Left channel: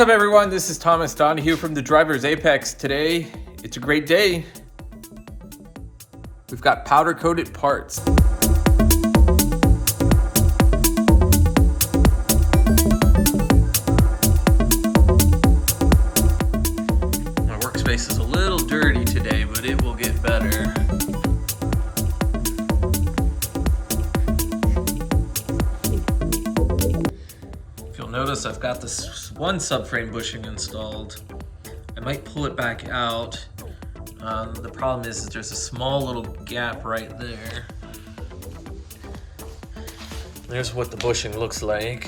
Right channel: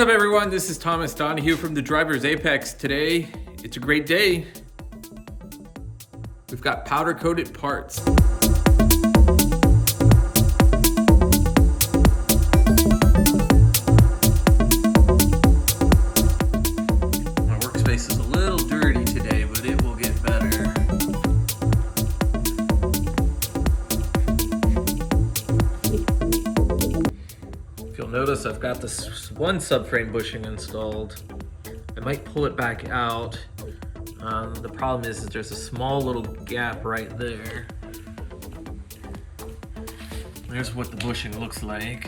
What's up, everyone? This is Thomas Donahue from the Driver's Apex. Today, it's a great day. We've got powder-coated parts. My workspace is a little dirty today, but it will get better. If you'll notice, I've got this one subframe bushing installed. I might pull it back out. The problem is there's a small little gap right there. There's what the bushing looks like.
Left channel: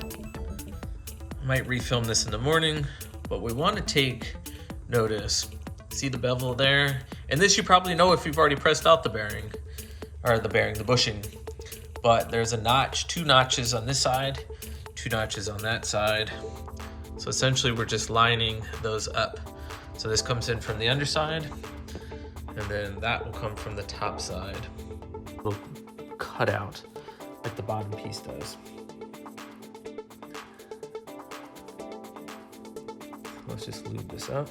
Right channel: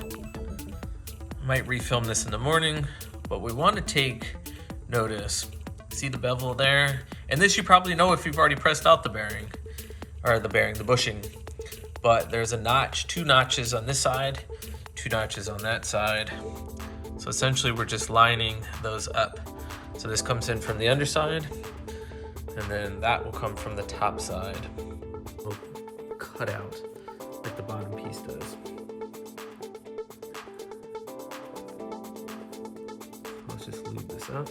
I might refilm this in the morning, but we want to take notice. See the bevel there? And this you probably know if you've already pressed out the bearing, or the bushing. But there's a notch, 2 notches on this side, 2 notches on that side. So essentially we're just lining those up. So this comes in from the underside, and then that will come from the top side. Little cutout like the bottom piece does. Let's just lube this up.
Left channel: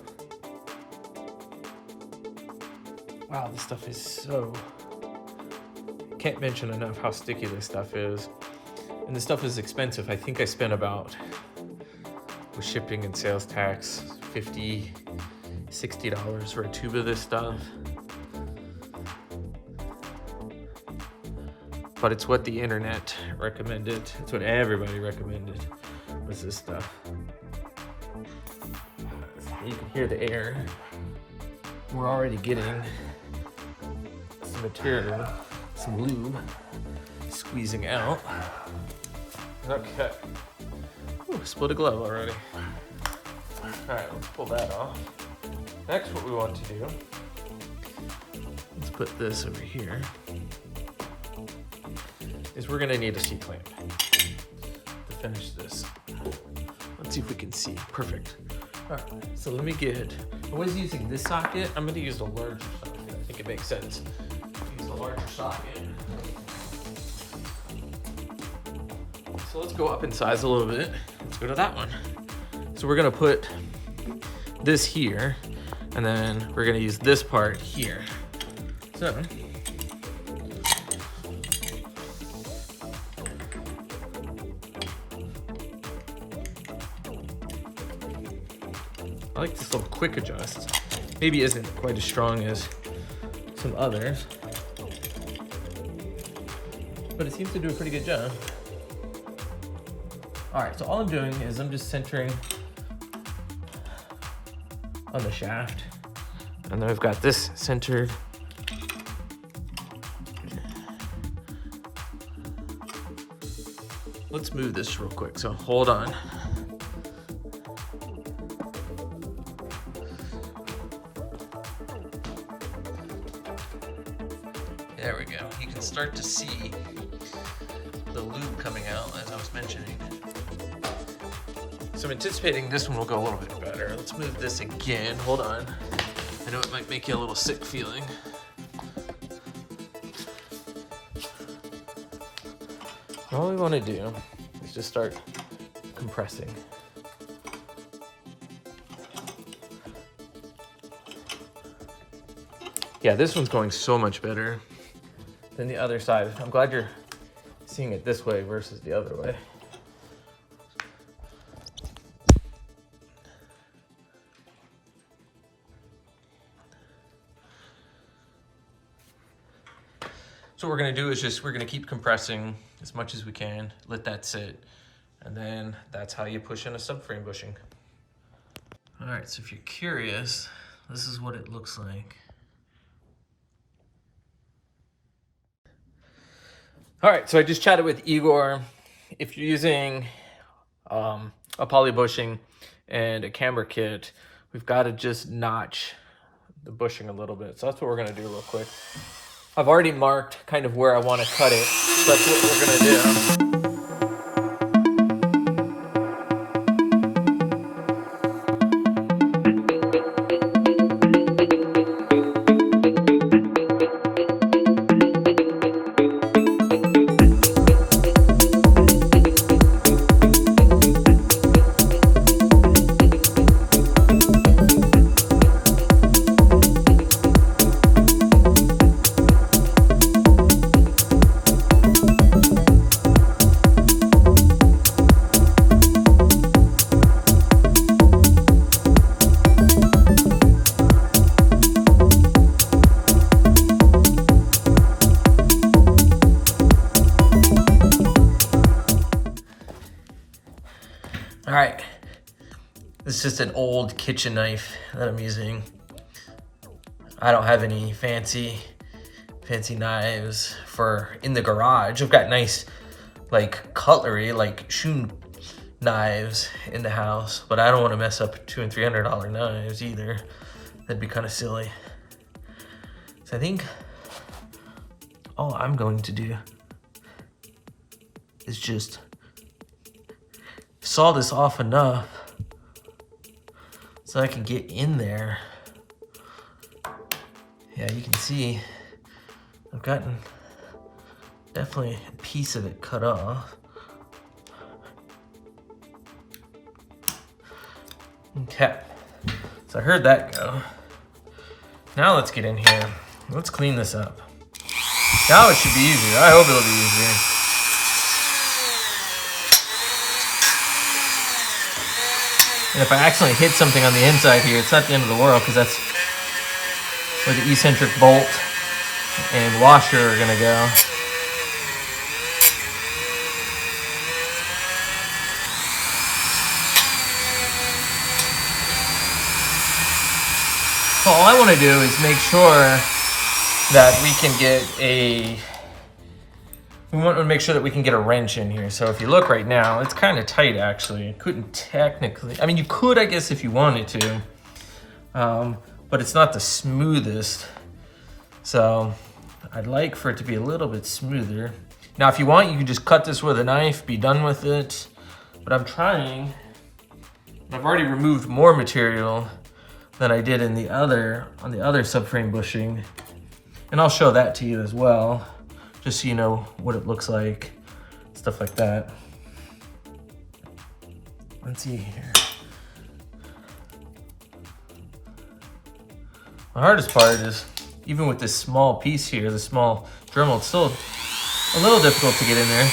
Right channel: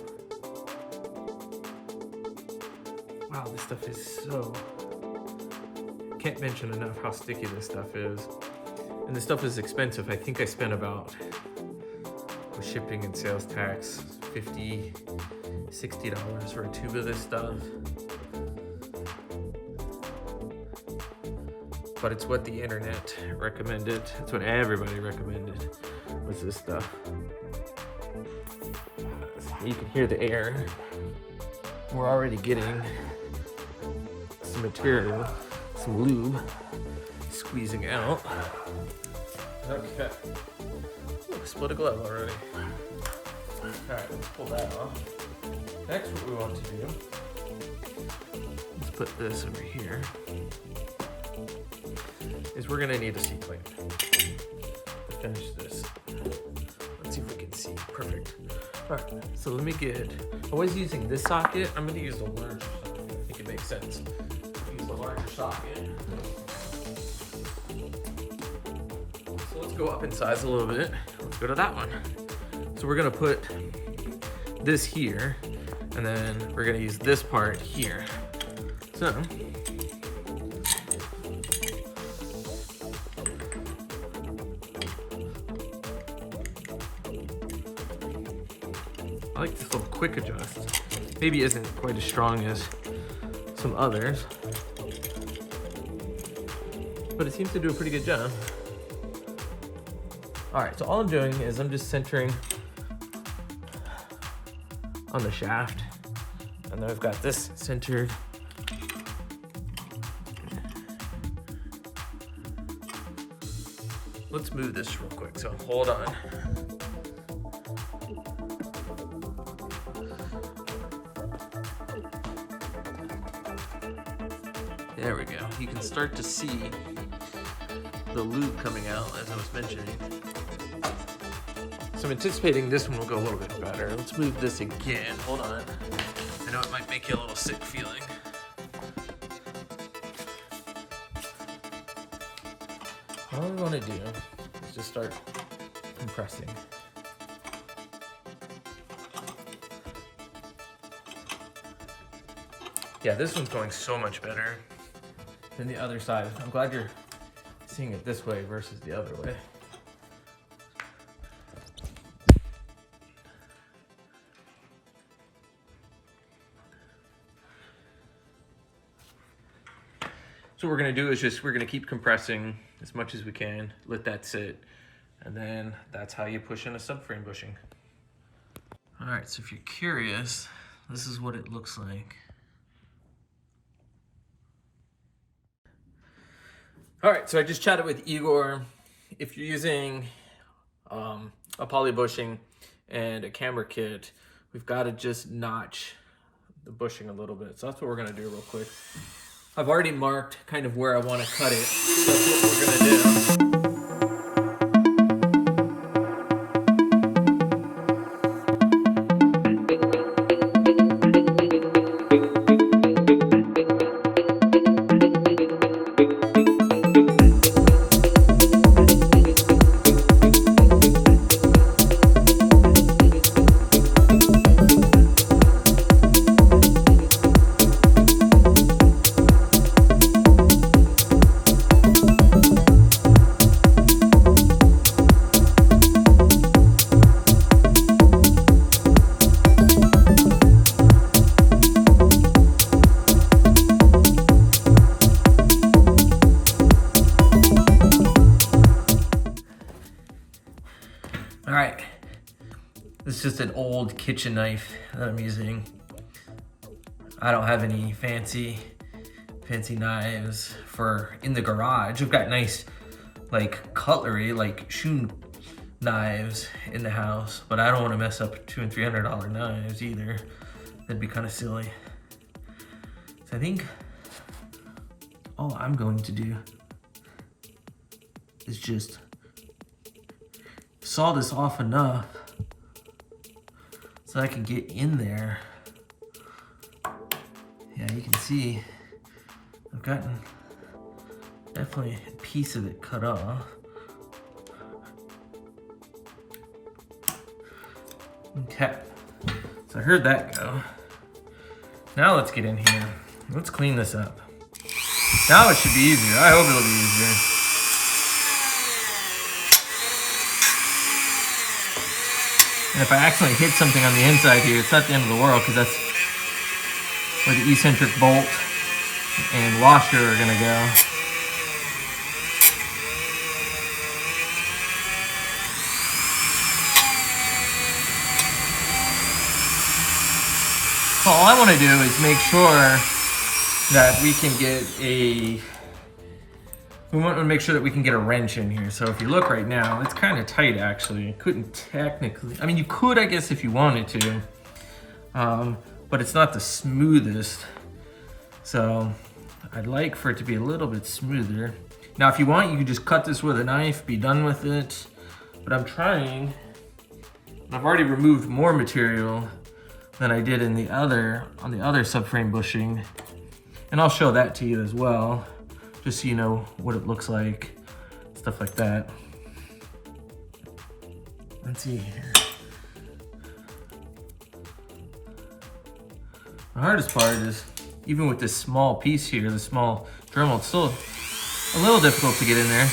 Wow, this stuff is so... Can't mention enough how sticky this stuff is. And this stuff is expensive. I think I spent about, with shipping and sales tax, $50, $60 for a tube of this stuff. But it's what the internet recommended. It's what everybody recommended, was this stuff. You can hear the air. We're already getting some material, some lube squeezing out. Okay. Ooh, split a glove already. Alright, let's pull that off. Next, what we want to do, let's put this over here, is we're gonna need a C-clamp to finish this. Let's see if we can see. Perfect. Alright, so let me get, I was using this socket. I'm gonna use the larger socket. I think it makes sense. Use the larger socket. So let's go up in size a little bit. Let's go to that one. So we're gonna put this here, and then we're gonna use this part here. So, I like this little quick adjust. Maybe isn't quite as strong as some others, but it seems to do a pretty good job. All right, so all I'm doing is I'm just centering on the shaft, and then I've got this centered. Let's move this real quick, so hold on. There we go. You can start to see the lube coming out, as I was mentioning. So I'm anticipating this one will go a little bit better. Let's move this again. Hold on. I know it might make you a little sick feeling. All we want to do is just start compressing. Yeah, this one's going so much better than the other side. I'm glad you're seeing it this way versus the other way. So what we're gonna do is we're gonna keep compressing as much as we can, let that sit, and then that's how you push in a subframe bushing. All right, so if you're curious, this is what it looks like. All right, so I just chatted with Igor. If you're using a poly bushing and a camber kit, we've got to just notch the bushing a little bit. So that's what we're gonna do real quick. I've already marked kind of where I want to cut it. So that's what we're gonna do. just an old kitchen knife that I'm using. I don't have any fancy knives for in the garage. I've got nice like cutlery, like shoe knives in the house, but I don't want to mess up $200 and $300 knives either. That'd be kind of silly. So I think all I'm going to do is just saw this off enough so I can get in there. Yeah, you can see I've gotten definitely a piece of it cut off. Okay, so I heard that go. Now let's get in here. Let's clean this up. Now it should be easier. I hope it'll be easier. And if I accidentally hit something on the inside here, it's not the end of the world, because that's where the eccentric bolt and washer are gonna go. So all I want to do is make sure that we can get a, we want to make sure that we can get a wrench in here. So if you look right now, it's kind of tight actually. It couldn't technically, I mean you could I guess if you wanted to, but it's not the smoothest. So I'd like for it to be a little bit smoother. Now if you want, you can just cut this with a knife, be done with it. But I'm trying, I've already removed more material than I did in the other, on the other subframe bushing. And I'll show that to you as well, just so you know what it looks like, stuff like that. Let's see here. The hardest part is, even with this small piece here, the small Dremel, it's still a little difficult to get in there.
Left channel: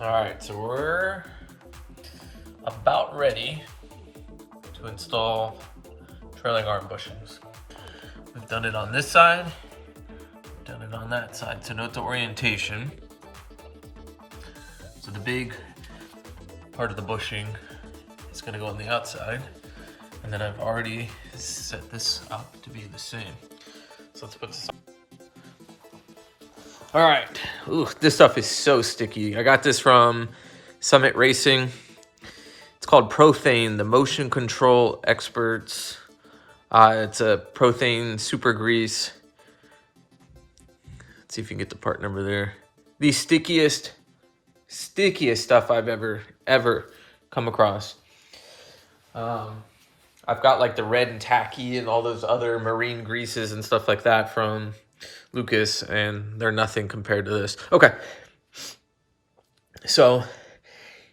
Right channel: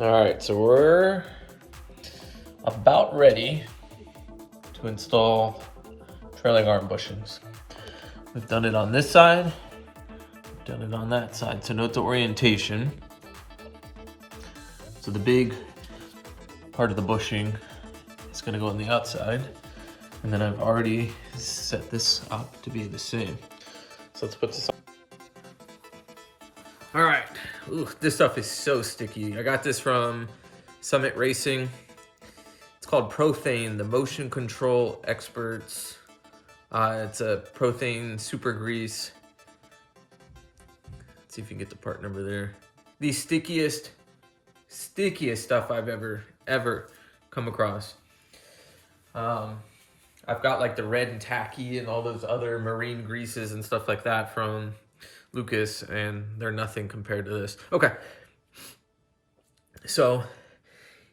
All right, so we're about ready to install trailing arm bushings. We've done it on this side, we've done it on that side. So note the orientation. So the big part of the bushing is gonna go on the outside. And then I've already set this up to be the same. So let's put this on. All right, ooh, this stuff is so sticky. I got this from Summit Racing. It's called Prothane, the motion control experts. It's a Prothane super grease. Let's see if you can get the part number there. The stickiest stuff I've ever come across. I've got like the red and tacky and all those other marine greases and stuff like that from Lucas, and they're nothing compared to this. Okay, so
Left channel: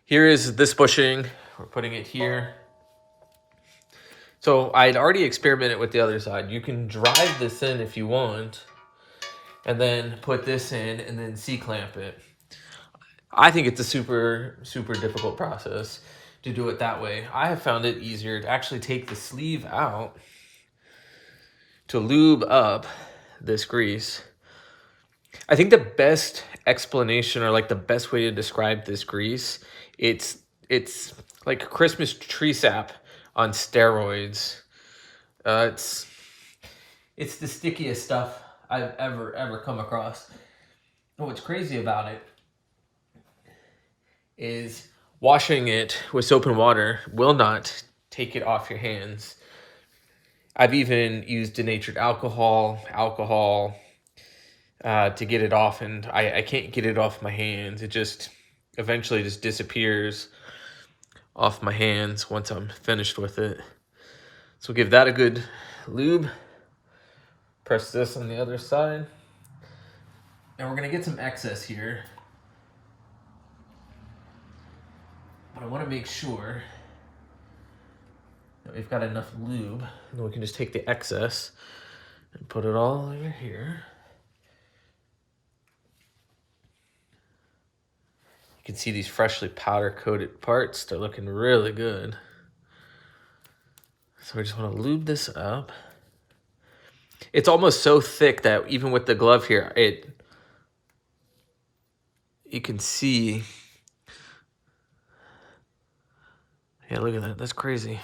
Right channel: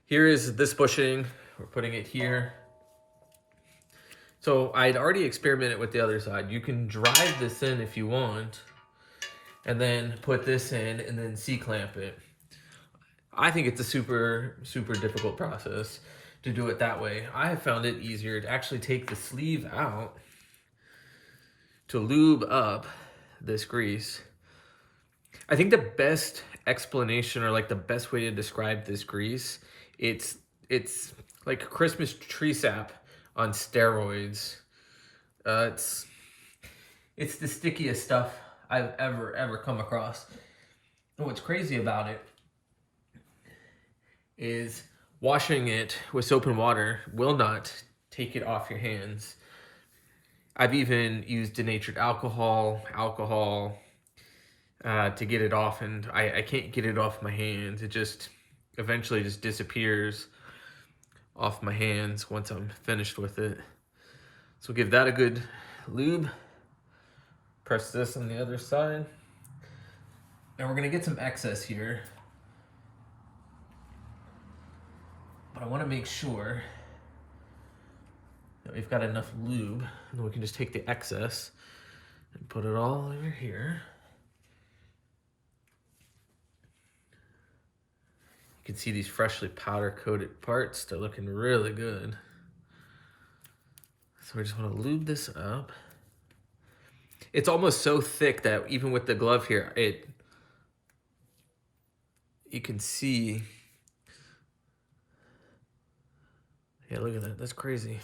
here is this bushing. We're putting it here. So I'd already experimented with the other side. You can drive this in if you want, and then put this in and then C-clamp it. I think it's a super difficult process to do it that way. I have found it easier to actually take the sleeve out to lube up this grease. I think the best explanation, or like the best way to describe this grease, it's like Christmas tree sap on steroids. It's the stickiest stuff I've ever come across. And what's crazy about it is washing it with soap and water will not take it off your hands. I've even used denatured alcohol to get it off, and I can't get it off my hands. It just eventually just disappears off my hands once I'm finished with it. So give that a good lube. Press this on the other side. And we're gonna get some excess here. But I want to make sure that we've got enough lube, and then we can just take the excess and put it all over here. You can see these freshly powder coated parts. They're looking really good. So we just want to lube this up. It's almost so thick that even with the glove here, you can see. Yeah, look at that. That's crazy.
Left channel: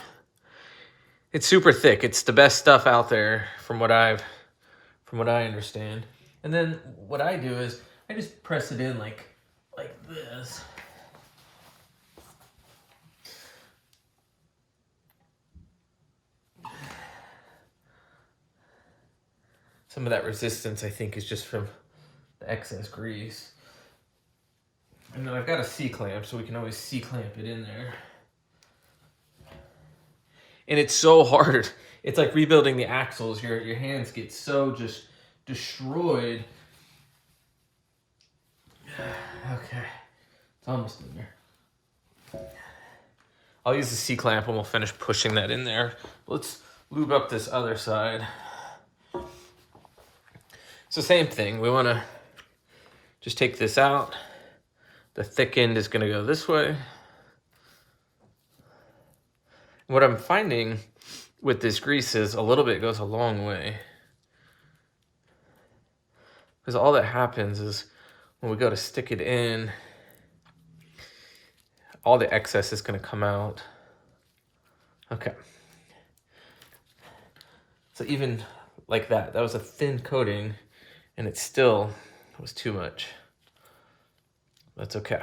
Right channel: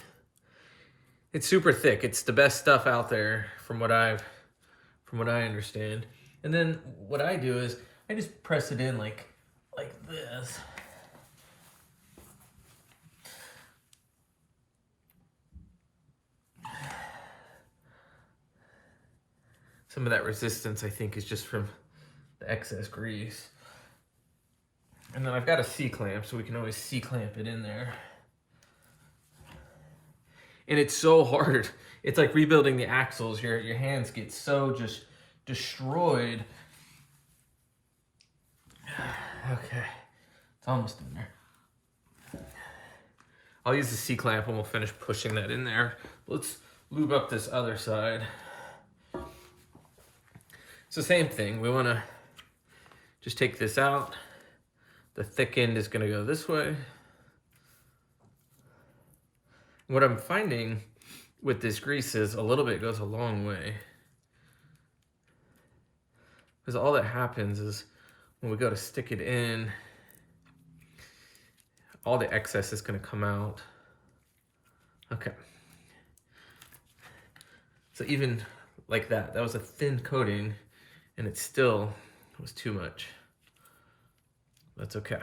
It's super thick. It's the best stuff out there from what I understand. And then what I do is I just press it in like this. Some of that resistance, I think, is just from the excess grease. And then I've got a C-clamp, so we can always C-clamp it in there. And it's so hard. It's like rebuilding the axles. Your hands get so just destroyed. Okay, it's almost in there. I'll use the C-clamp and we'll finish pushing that in there. Let's lube up this other side. So same thing, we want to just take this out. The thick end is going to go this way. What I'm finding with this grease is a little bit goes a long way. Because all that happens is when we go to stick it in, all the excess is going to come out. Okay. So even like that was a thin coating, and it still was too much. That's okay.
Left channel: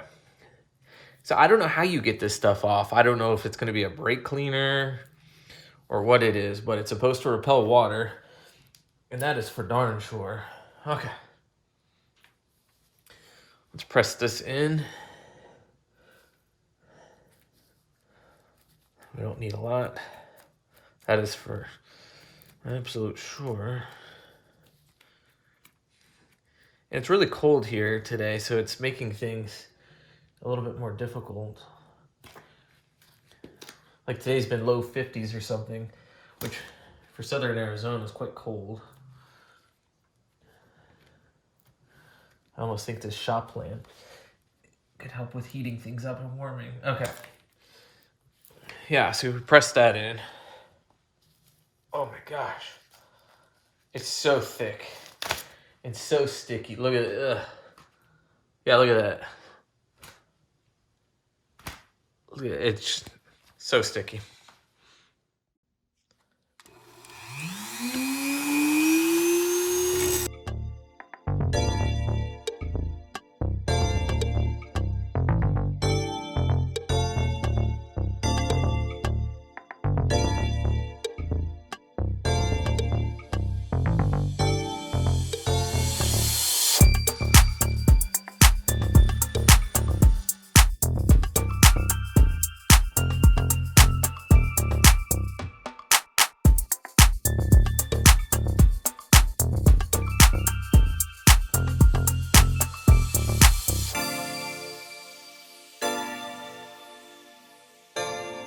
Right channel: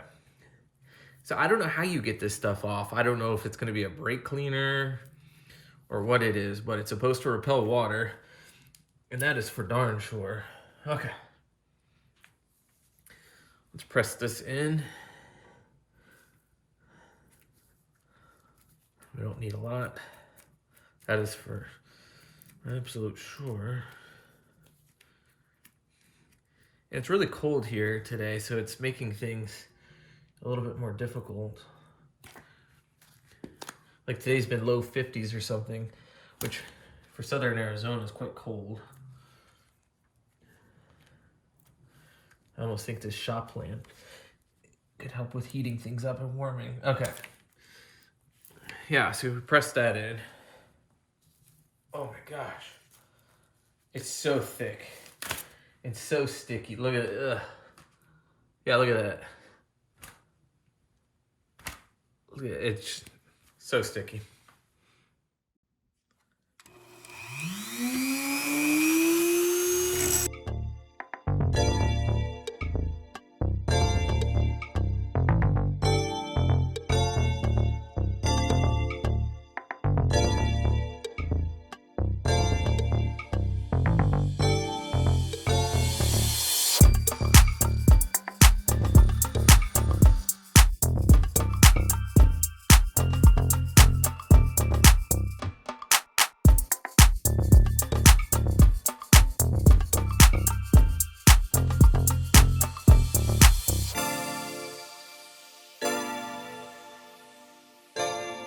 So I don't know how you get this stuff off. I don't know if it's going to be a brake cleaner or what it is, but it's supposed to repel water, and that is for darn sure. Okay. Let's press this in. We don't need a lot. That is for absolute sure. And it's really cold here today, so it's making things a little bit more difficult. Like today's been low 50s or something, which for southern Arizona is quite cold. I almost think this shop lamp could help with heating things up and warming. Okay. Yeah, so we press that in. Oh my gosh. It's so thick. It's so sticky. Look at it. Ugh. Yeah, look at that. Look at it. It's so sticky.